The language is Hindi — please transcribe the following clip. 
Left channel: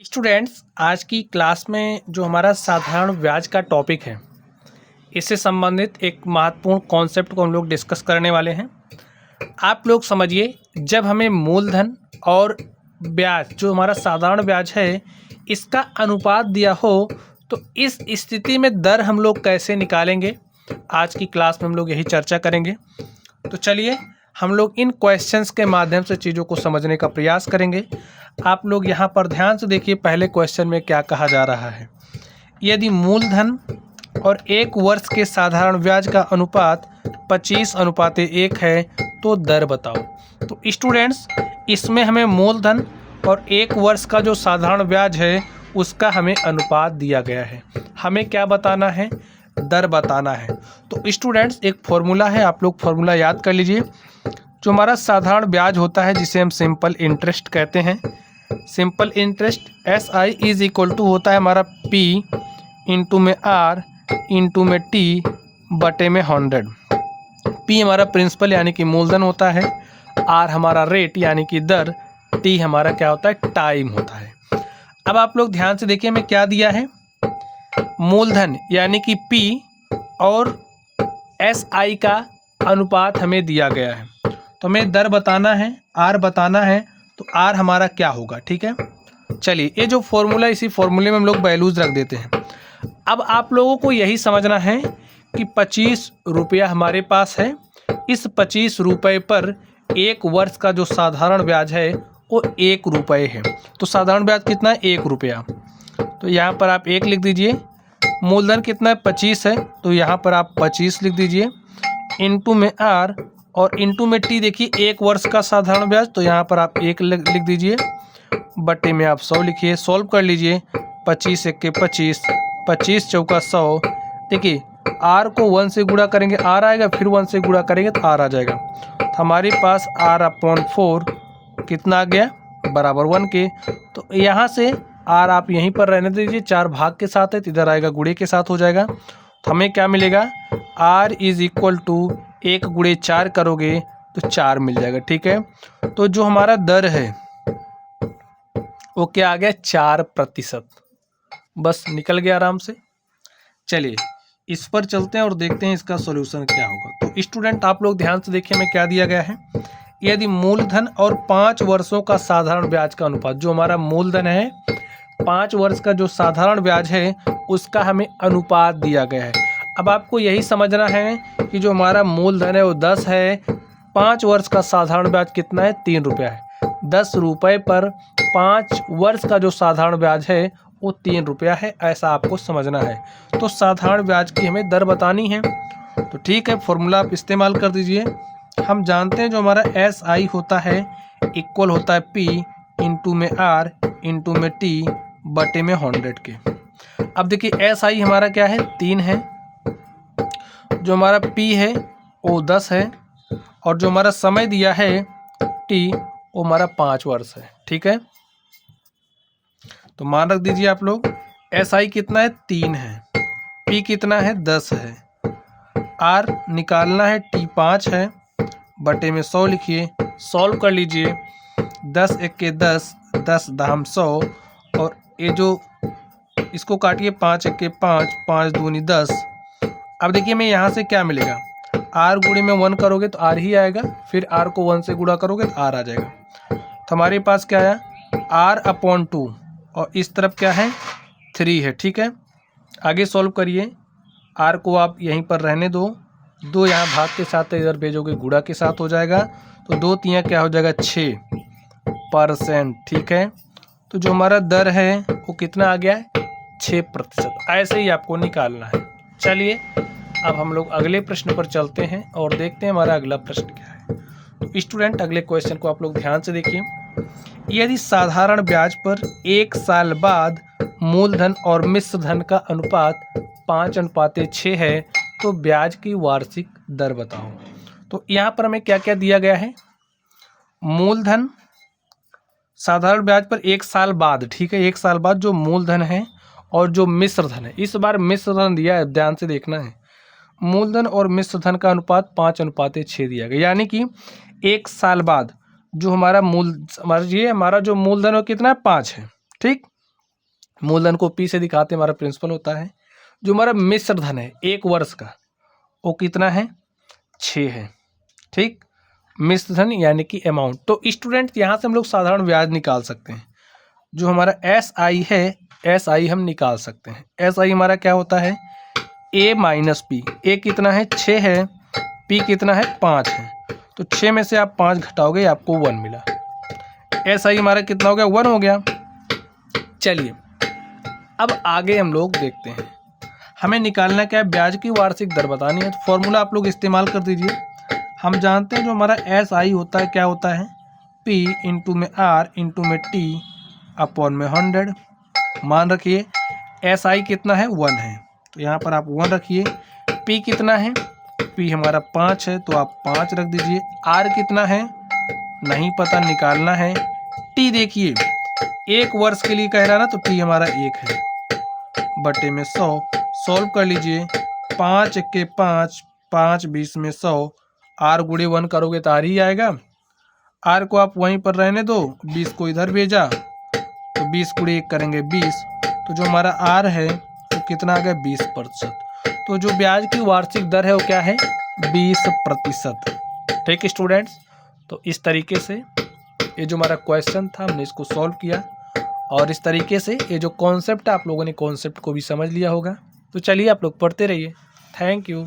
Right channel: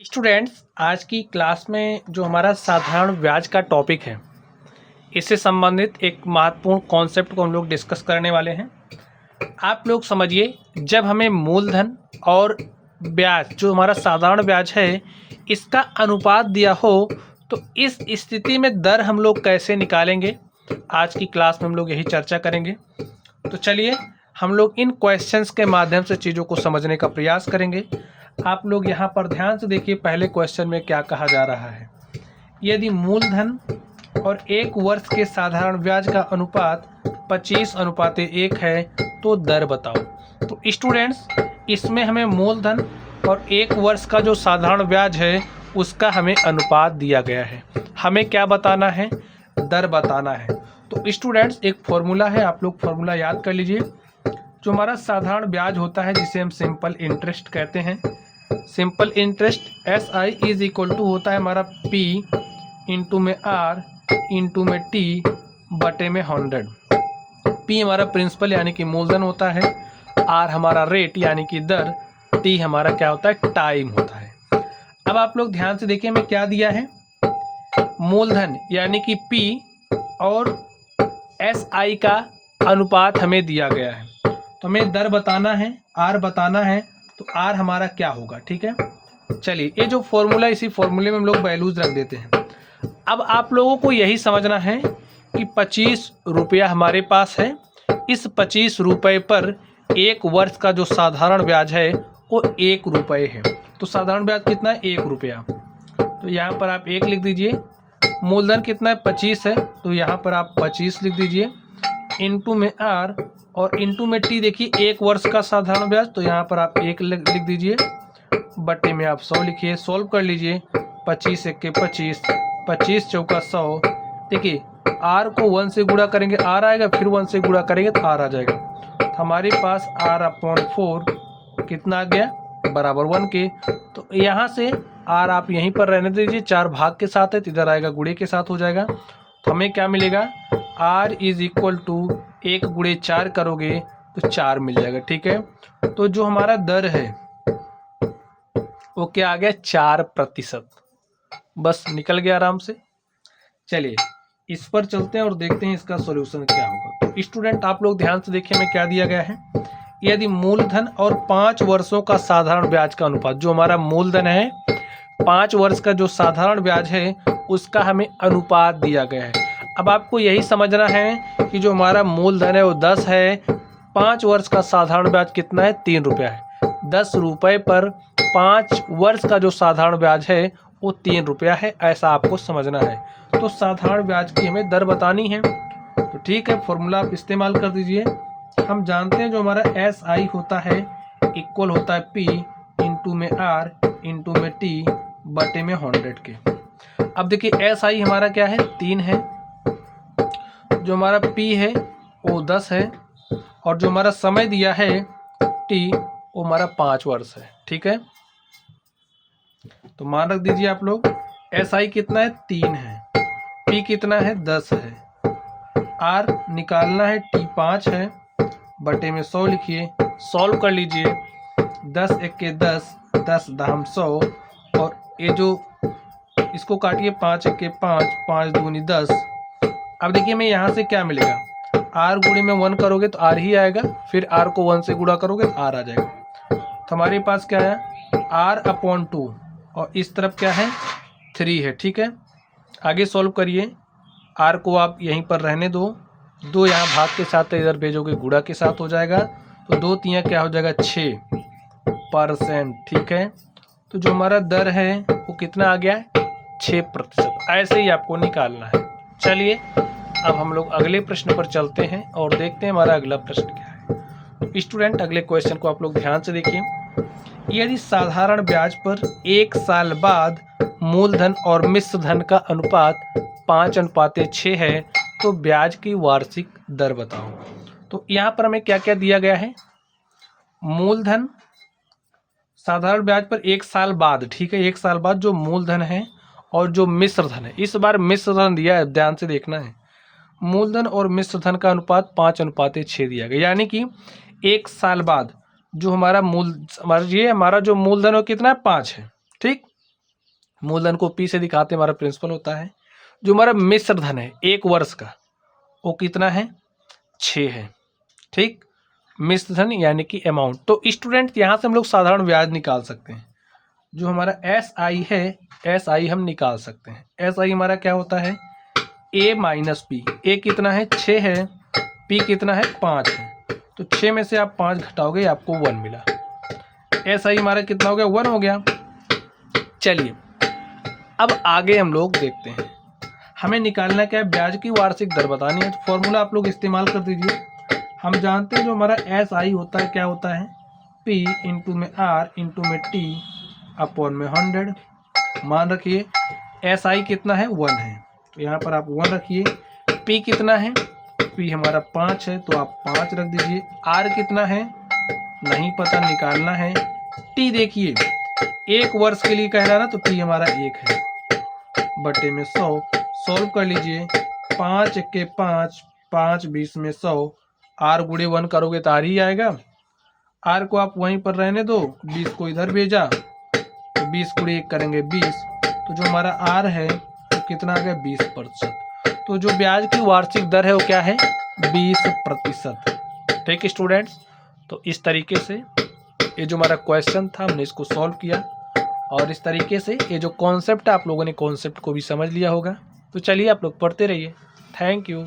स्टूडेंट्स, आज की क्लास में जो हमारा साधारण ब्याज का टॉपिक है, इससे संबंधित एक महत्वपूर्ण कॉन्सेप्ट को हम लोग डिस्कस करने वाले हैं। आप लोग समझिए, जब हमें मूलधन और ब्याज, जो हमारा साधारण ब्याज है, इसका अनुपात दिया हो, तो इस स्थिति में दर हम लोग कैसे निकालेंगे, आज की क्लास में हम लोग यही चर्चा करेंगे। तो चलिए हम लोग इन क्वेश्चंस के माध्यम से चीज़ों को समझने का प्रयास करेंगे। आप लोग यहाँ पर ध्यान से देखिए, पहले क्वेश्चन में क्या कहा जा रहा है। यदि मूलधन और 1 वर्ष के साधारण ब्याज का अनुपात 25:1 है तो दर बताओ। तो स्टूडेंट्स, इसमें हमें मूलधन और 1 वर्ष का जो साधारण ब्याज है उसका हमें अनुपात दिया गया है। हमें क्या बताना है? दर बताना है। तो स्टूडेंट्स, एक फॉर्मूला है, आप लोग फॉर्मूला याद कर लीजिए। जो हमारा साधारण ब्याज होता है, जिसे हम सिंपल इंटरेस्ट कहते हैं, simple interest SI is equal to होता है हमारा P इंटू में R इंटू में T बटे में 100। P हमारा प्रिंसिपल यानी कि मूलधन होता है, R हमारा रेट यानी कि दर, T हमारा क्या होता है? टाइम होता है। अब आप लोग ध्यान से देखिए, हमें क्या दिया है? मूलधन यानी कि P और SI का अनुपात हमें दिया गया है, तो हमें दर बताना है, R बताना है, तो R हमारा क्या होगा? ठीक है, चलिए ये जो फॉर्मूला, इसी फॉर्मूले में हम लोग वैल्यूज रख देते हैं। अब आप लोगों को यही समझना है कि 25 रुपया हमारे पास है। इस 25 रुपये पर 1 वर्ष का जो साधारण ब्याज है वो 1 रुपये है। तो साधारण ब्याज कितना है? 1 रुपया। तो यहाँ पर आप 1 लिख दीजिए। मूलधन कितना है? 25 है, तो यहाँ पर आप 25 लिख दीजिए। इंटू में R और इंटू में T, देखिए 1 वर्ष का साधारण ब्याज, तो यहाँ पर आप 1 लिख दीजिए। बटे में आप 100 लिखिए, सॉल्व कर लीजिए। 25 1 के 25, 25 चौका 100। देखिए R को 1 से गुणा करेंगे R आएगा, फिर 1 से गुणा करेंगे तो R आ जाएगा। तो हमारे पास R/4 कितना आ गया? बराबर 1 के। तो यहाँ से R आप यहीं पर रहने दीजिए, 4 भाग के साथ है तो इधर आएगा गुणे के साथ हो जाएगा। तो हमें क्या मिलेगा? R इज इक्वल टू 1 गुणे 4 करोगे तो 4 मिल जाएगा। ठीक है, तो जो हमारा दर है वो क्या आ गया? 4%। बस निकल गया आराम से। चलिए इस पर चलते हैं और देखते हैं इसका सॉल्यूशन क्या होगा। तो स्टूडेंट, आप लोग ध्यान से देखिए, हमें क्या दिया गया है। यदि मूलधन और 5 वर्षों का साधारण ब्याज का अनुपात, जो हमारा मूलधन है, 5 वर्ष का जो साधारण ब्याज है उसका हमें अनुपात दिया गया है। अब आपको यही समझना है कि जो हमारा मूलधन है वो 10 है, 5 वर्ष का साधारण ब्याज कितना है? 3 रुपया है। 10 रुपये पर 5 वर्ष का जो साधारण ब्याज है वो 3 रुपया है, ऐसा आपको समझना है। तो साधारण ब्याज की हमें दर बतानी है। तो ठीक है, फॉर्मूला आप इस्तेमाल कर दीजिए। हम जानते हैं जो हमारा SI होता है इक्वल होता है P इंटू में R इंटू में T बटे में 100 के। अब देखिए SI हमारा क्या है? 3 है। जो हमारा P है वो 10 है, और जो हमारा समय दिया है T, वो हमारा 5 वर्ष है। ठीक है, तो मान रख दीजिए आप लोग। SI कितना है? 3 है। P कितना है? 10 है। R निकालना है, T 5 है। बटे में 100 लिखिए, सॉल्व कर लीजिए। 10 1 के 10, 10 दाम 100, और ये जो इसको काटिए, 5 1 के 5, 5 दूनी 10। अब देखिए हमें यहाँ से क्या मिलेगा? R गुणे में 1 करोगे तो R ही आएगा, फिर R को 1 से गुणा करोगे तो R आ जाएगा। तो हमारे पास क्या है? R/2, और इस तरफ क्या है? 3 है। ठीक है, आगे सॉल्व करिए। R को आप यहीं पर रहने दो, 2 यहाँ भाग के साथ है, इधर भेजोगे गुणा के साथ हो जाएगा, तो 2 3 क्या हो जाएगा? 6%। ठीक है, तो जो हमारा दर है वो कितना आ गया? 6%। ऐसे ही आपको निकालना है। चलिए अब हम लोग अगले प्रश्न पर चलते हैं और देखते हैं हमारा अगला प्रश्न क्या है। तो स्टूडेंट, अगले क्वेश्चन को आप लोग ध्यान से देखिए। यदि साधारण ब्याज पर 1 साल बाद मूलधन और मिश्र धन का अनुपात 5:6 है तो ब्याज की वार्षिक दर बताओ। तो यहाँ पर हमें क्या क्या दिया गया है? मूलधन, साधारण ब्याज पर 1 साल बाद, ठीक है, 1 साल बाद जो मूलधन है और जो मिश्र धन है, इस बार मिश्र धन दिया है, ध्यान से देखना है। मूलधन और मिश्र धन का अनुपात 5:6 दिया गया, यानी कि 1 साल बाद जो हमारा हमारा जो मूलधन है कितना है? 5 है। ठीक, मूलधन को P से दिखाते हमारा प्रिंसिपल होता है। जो हमारा मिश्र धन है 1 वर्ष का, वो कितना है, 6 है। ठीक, मिश्र धन यानी कि अमाउंट। तो स्टूडेंट यहाँ से हम लोग साधारण ब्याज निकाल सकते हैं। जो हमारा SI है, SI हम निकाल सकते हैं। SI हमारा क्या होता है, A माइनस P। A कितना है, 6 है, P कितना है, 5 है। तो 6 में से आप 5 घटाओगे, आपको 1 मिला। SI हमारा कितना हो गया, 1 हो गया। चलिए अब आगे हम लोग देखते हैं, हमें निकालना क्या है, ब्याज की वार्षिक दर बतानी है। तो फॉर्मूला आप लोग इस्तेमाल कर दीजिए। हम जानते हैं जो हमारा SI होता है क्या होता है, P इंटू में R इंटू में T अपॉन में 100। मान रखिए SI कितना है, 1 है, तो यहाँ पर आप 1 रखिए। P कितना है, P हमारा 5 है, तो आप 5 रख दीजिए। R कितना है, नहीं पता, निकालना है। T देखिए 1 वर्ष के लिए कह रहा ना, तो T हमारा 1 है, बटे में 100। सॉल्व कर लीजिए। 5 के 5, 5 20 में 100। R गुणे 1 करोगे तो R ही आएगा। R को आप वहीं पर रहने दो, 20 को इधर भेजा, तो 20 गुणे 1 करेंगे 20। तो जो हमारा R है वो कितना आ गया, 20%। तो जो ब्याज की वार्षिक दर है वो क्या है, 20%। ठीक स्टूडेंट्स, तो इस तरीके से ये जो हमारा क्वेश्चन था हमने इसको सॉल्व किया, और इस तरीके से ये जो कॉन्सेप्ट है आप लोगों ने कॉन्सेप्ट को भी समझ लिया होगा। तो चलिए आप लोग पढ़ते रहिए। Thank you.